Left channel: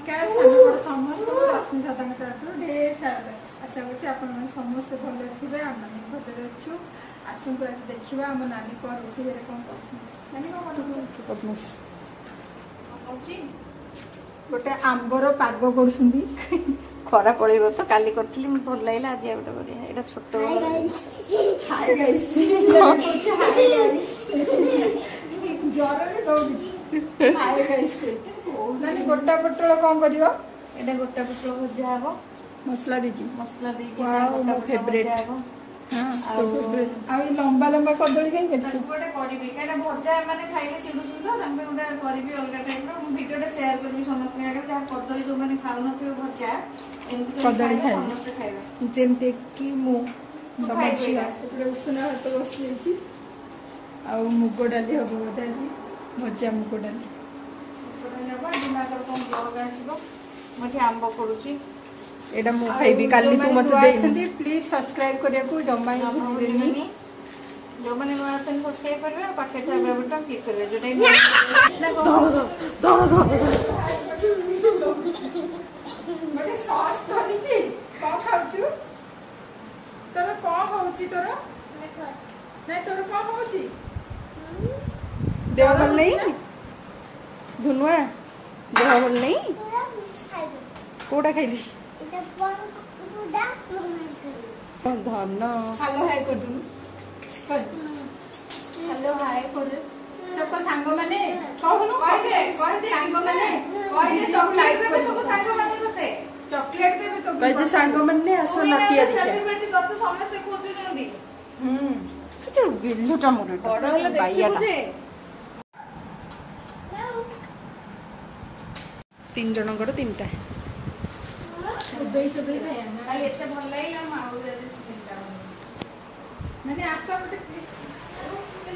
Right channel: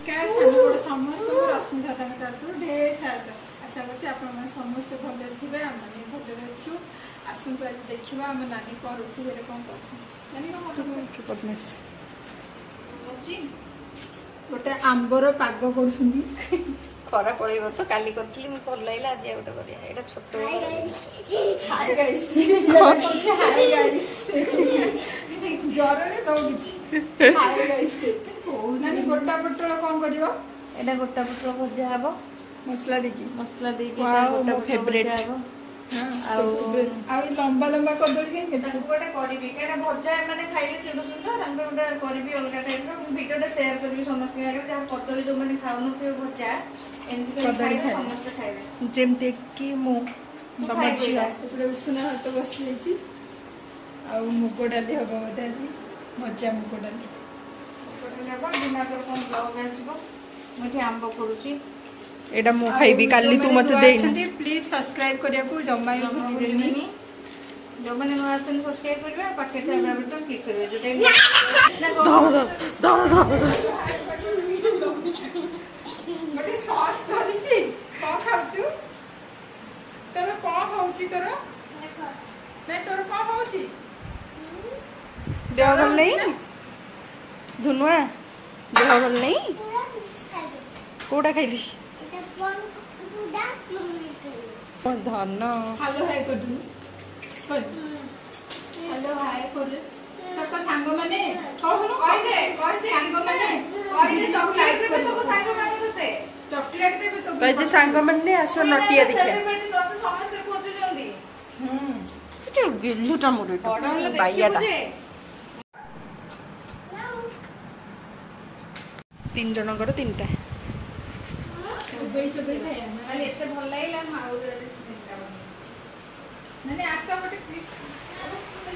नमस्कार सानबड़ समस्त रश्मि दादा तरफ ढेर सारा आशा कर समस्त भले थे आम भले अच्छु आसतु आज देखा आम नानी कौन रोषे कौन कर गोटे आंबर पाग कर खरा पड़ेगा तो काली करी भल लगे आज गोटे छोट ज्वर दौड़ी नानी गोटा पोटल कौन कर गोटा पोटल भजा हम मसला देकी फेवरेट लंबा लंबा कदली कहीं गोटे भजा मैंने खाइले चिड़ुन तो गोटे करी अलग टाइप भिडियो सेयार करी समस्त जहाँ कदली जो मैंने खाऊ नो भजा एमती समस्त खाइबे जेमते कि मु बाबा झिया उसना भात बसी मुग डाली हम बोधे आज भजा मुग डाली आंब पड़ुची एटा मु खाइबी काली तू मते दे प्लीज सब्सक्राइब करिया को जम्मा भूलिबेनी जो माने नया चैनल सब्सक्राइब करबे पाखे थे बेल बटन क्लिक करबे जोटा मोटे सॉस धरिची को खाउछु तोर को होउची तोर नै तोर को होउची देह भल नहीं धुनुआ देह भल नहीं कोडा खाइली धन हेलो हाय कर हेलो हाय कर सब सांग माने कहनु कह दे सांग माने कह दे चॉकलेट देबे सब सांग माने तते चॉकलेट देबे तो कह दे सांग माने आसो नटिया देखिया सेलिब्रिटी तत समस्या खोजु जल्दी किते गिल्लुटा मोरटा बाइयाटा 3 जनकर 3टा चुबई खाया खाली एते भल लागला माउ जदी चिंता माने आशा मोटे प्लीज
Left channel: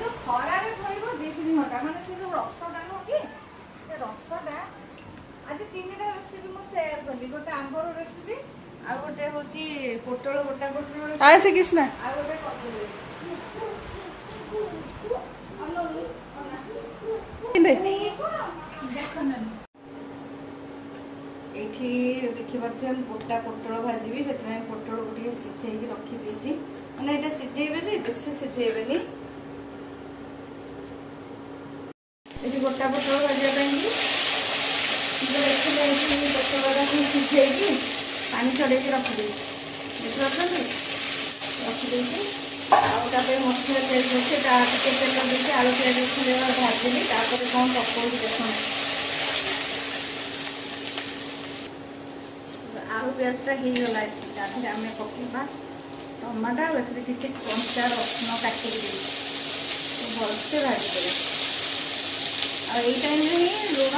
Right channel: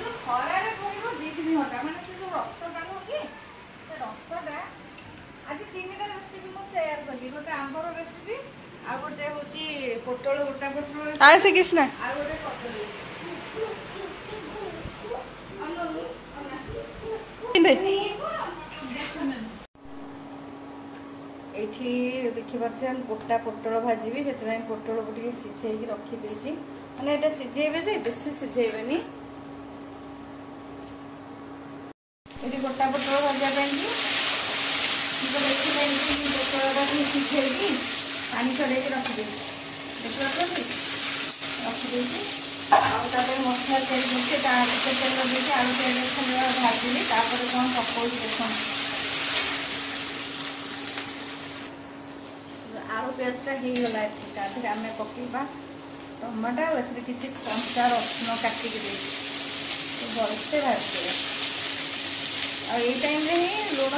तो खरा रे खइबो 2-3 घंटा माने से जो रसटा नो कि से रसटा आज 3टा रेसिपी मो शेयर करली गोटे आंबर रेसिपी आ गोटे होची पोटल गोटा पोटल आ से कृष्णा आ गोटे कदली देखी पारे गोटा पोटल भाजी से पोटल को सिझे रखी मैंने सिझेबे से बेस सिझेबे गोटा पोटल भाजा देखिए पोटल सिझे पानी छड़े रखिदे रखिदे मसला तेल आलू प्याज भाजी कौन पकड़ बेसन आलू पेस्टा हो गला आम पकड़ा टमाटा किसी कंचा रसुण काटिक भलसे भाजी यही टाइम लुण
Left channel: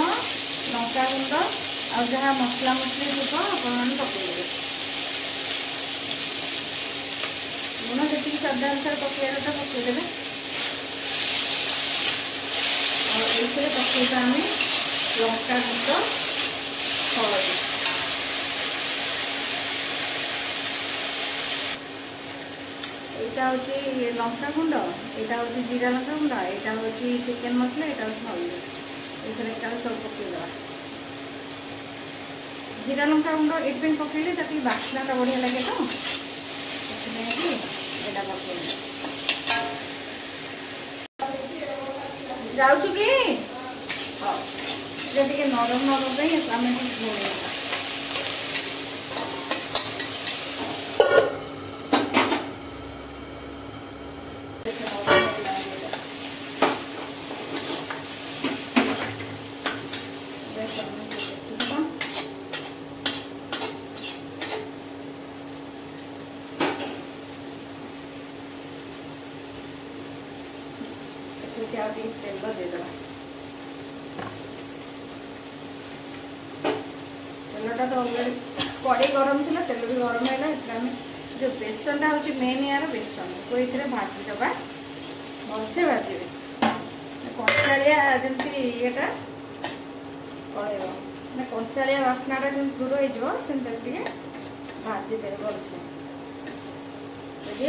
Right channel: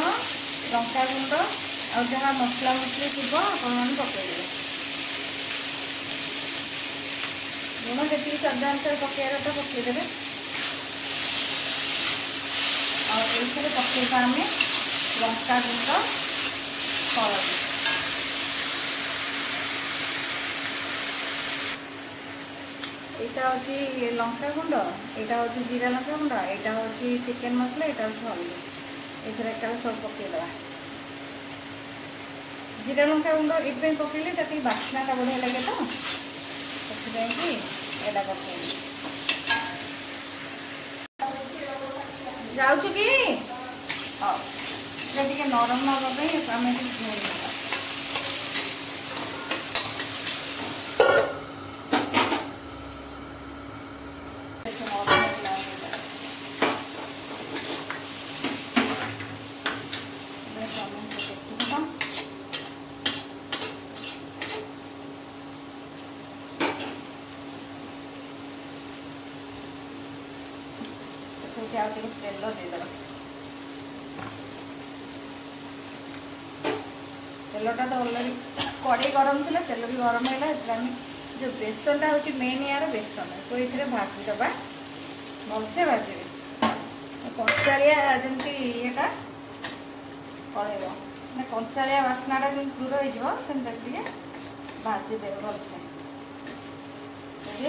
लंका गुंड आ जहाँ मसला मसली थी आपने पकड़े लुण जी स्वाद अनुसार पकड़ा पकड़े आगे पकड़ा आम लंका गुंड हलदी यहाँ हूँ लंका गुंड यहाँ हूँ जीरा लंका गुंड यहाँ हूँ चिकेन मसला यहाँ हूँ हल्दी एकाल सब पकईदे जीरा लंका गुंड ये पकड़े ताकि बास्ना बढ़िया लगे तो जाऊँ कि हाँ नरम नरम आम तेलटा तो अलरेडी कड़े गरम थी तेल भी गरम है जो बेसनटा हूँ मेन यार बेसन तो ये भाजदेवा भलसे भाजे कंचालिया जमी येटा कड़े कंचालिया बास्नाटा दूर हो भाजीदे भलसे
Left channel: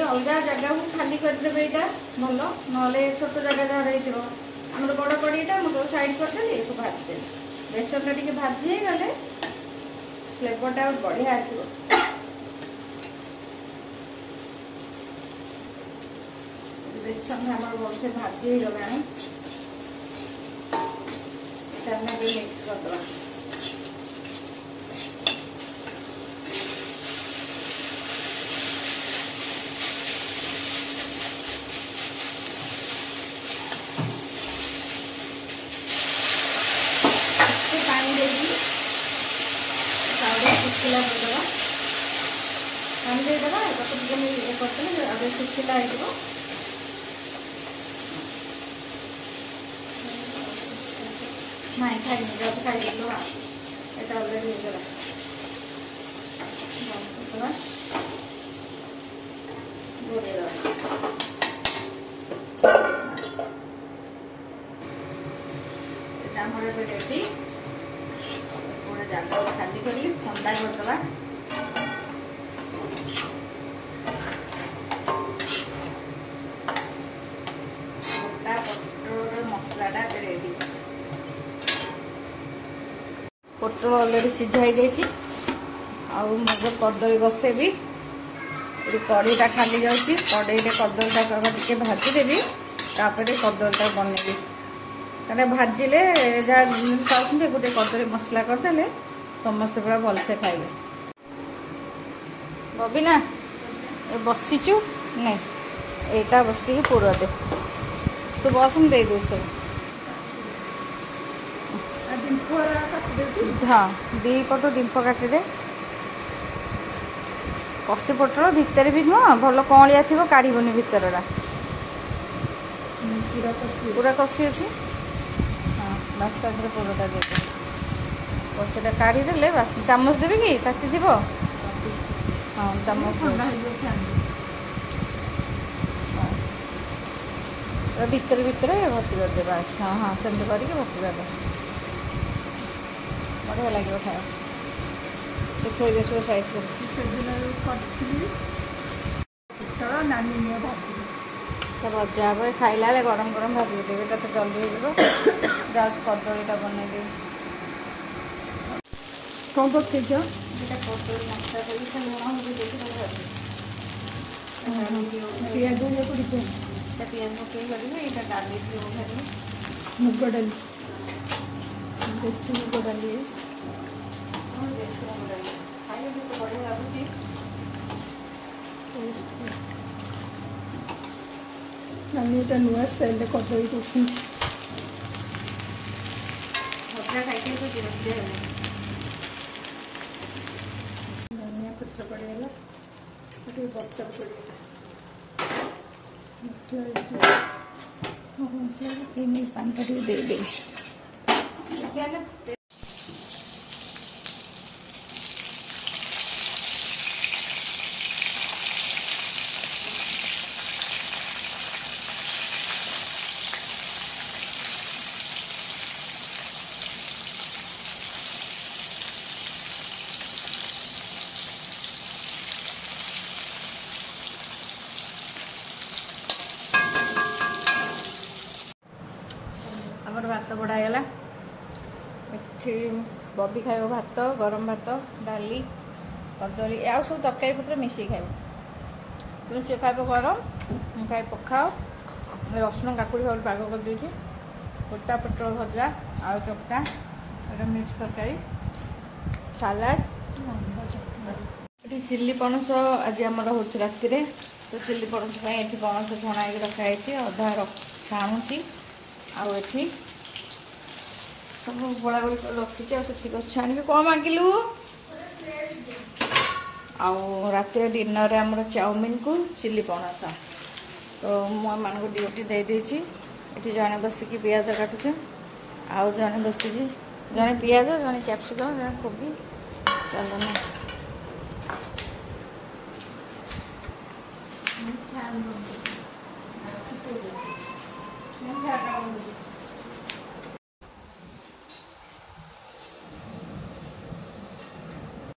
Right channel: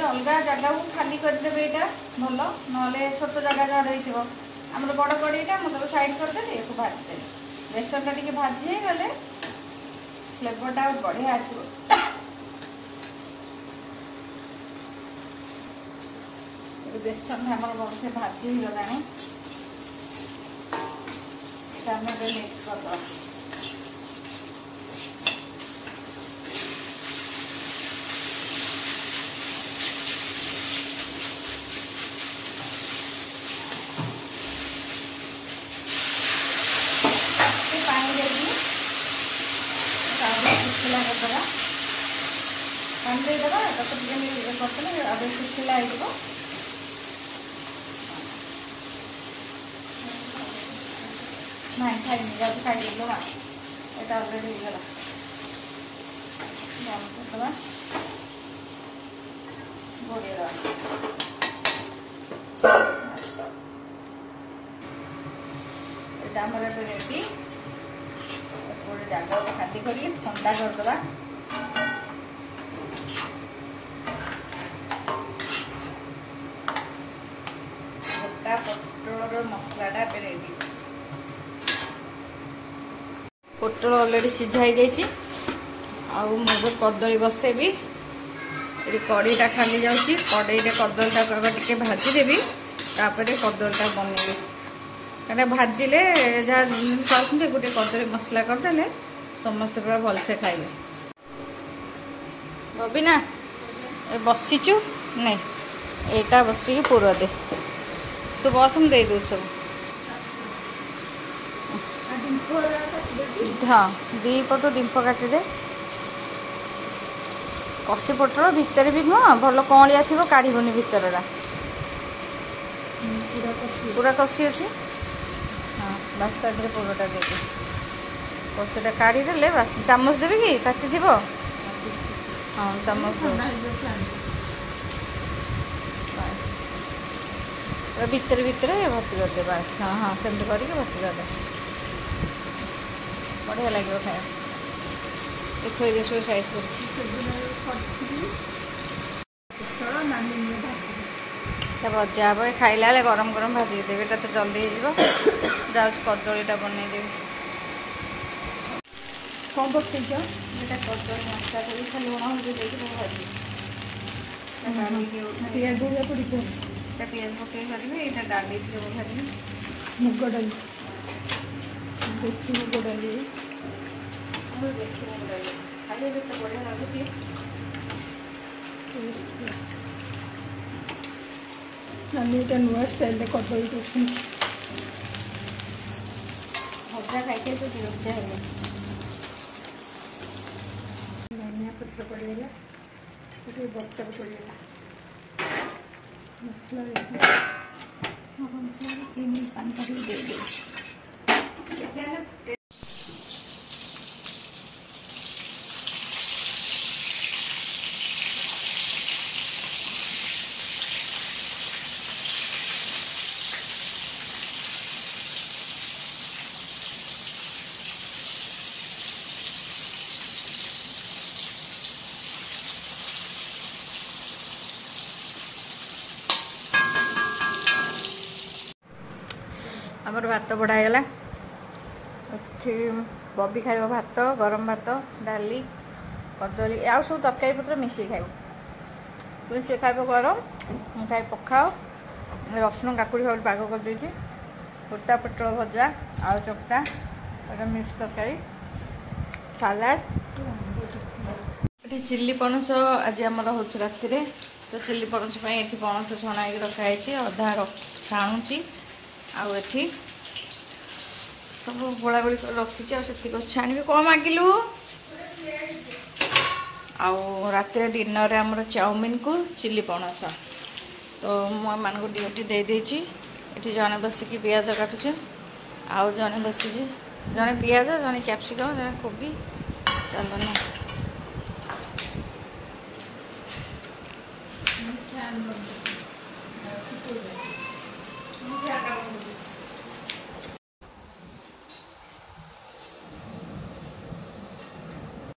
अलग जगह को खाली करदे यहाँ भल ना छोट जगह जहाँ रही आम बड़ कड़ीटा मुझे साइड करदेली भाजदेवी बेसन टा भाजी गले फ्लेवरटा बढ़िया आसो। बेसन हमारे बहुत से भाजी हो गला टमाटो मिक्स कर दो। नहीं खाई ऑलरेडी रेडी जगह खाली कर ठंडा करदे। पोटल ऑलरेडी सीझाई जाइए मुझे कदली बसेबी ये कड़ीटा खाली जाऊँगी कड़ई कदलीटा टे भाजीदेवी तापर कदलीटा बनैबी क्या भाजिले जहाँ खाऊँ गोटे कदली मसला करदे समस्ते पूरा भलसे खाइबे। बबिना ए बसीचु नहीं एटा बसिक पूरा दे तू बसम दे दू सब। हाँ दी पटू डिंप काटिदे कषि पटर भितर भी नुह भल कलिया थी काढ़बनी भितरटा पूरा कषि अच्छी। हाँ बास ता पूराटा दे कषिटा काढ़ीदे बास चामच देवी कि ताती थी। हाँ चामच भितर भितर भर्ती करदे बास। हाँ हाँ सेमती करके भर्ती करदे बढ़िया लगे खाया देखो ये सब साइज कर भजा हे खाइला गरम गरम भाजी देवे तो जल्दी हो जाऊँ कदलीटा बनईदेवी। कौन पकड़ पियाज पियाज पकई करेंगे ये डाली भाजी मुग डाली देसी मुग डाली खाली तो बढ़िया लगे नानी गोटे नुआ स्टाइल कदली कर भजा खाई धनिया पत्र पड़ेगा बटर पड़ेगा मसला पानी दे दे। भात बढ़ागला बबी खाइब भात गरम भात डाली कदली आउ सब तरकारी पत्र मिसई खाइब तुम सी खाइब गरम मुझे खाइ पखाओ रसुण काकुड़ी सब पाग कर देती गोटा पटर भजा आलू चकटा मिक्स तरकारी सालाड ये चिल्ली पणस आज आमर हो राति तो चिल्ली पणस ये पणस छणा रखाई अधा छाणुची आठी सब गोला गोली रखी से छाणी कौन मागिलु आते डिनर आमर चाउमिन को चिल्ली पणस तो मान को ड्यूटी दे देती ये जड़े बसिक पियाज काटुचे आउ जड़े बसिक जड़े पियाज जड़े कैप्सिकम जड़े कोबी चल ना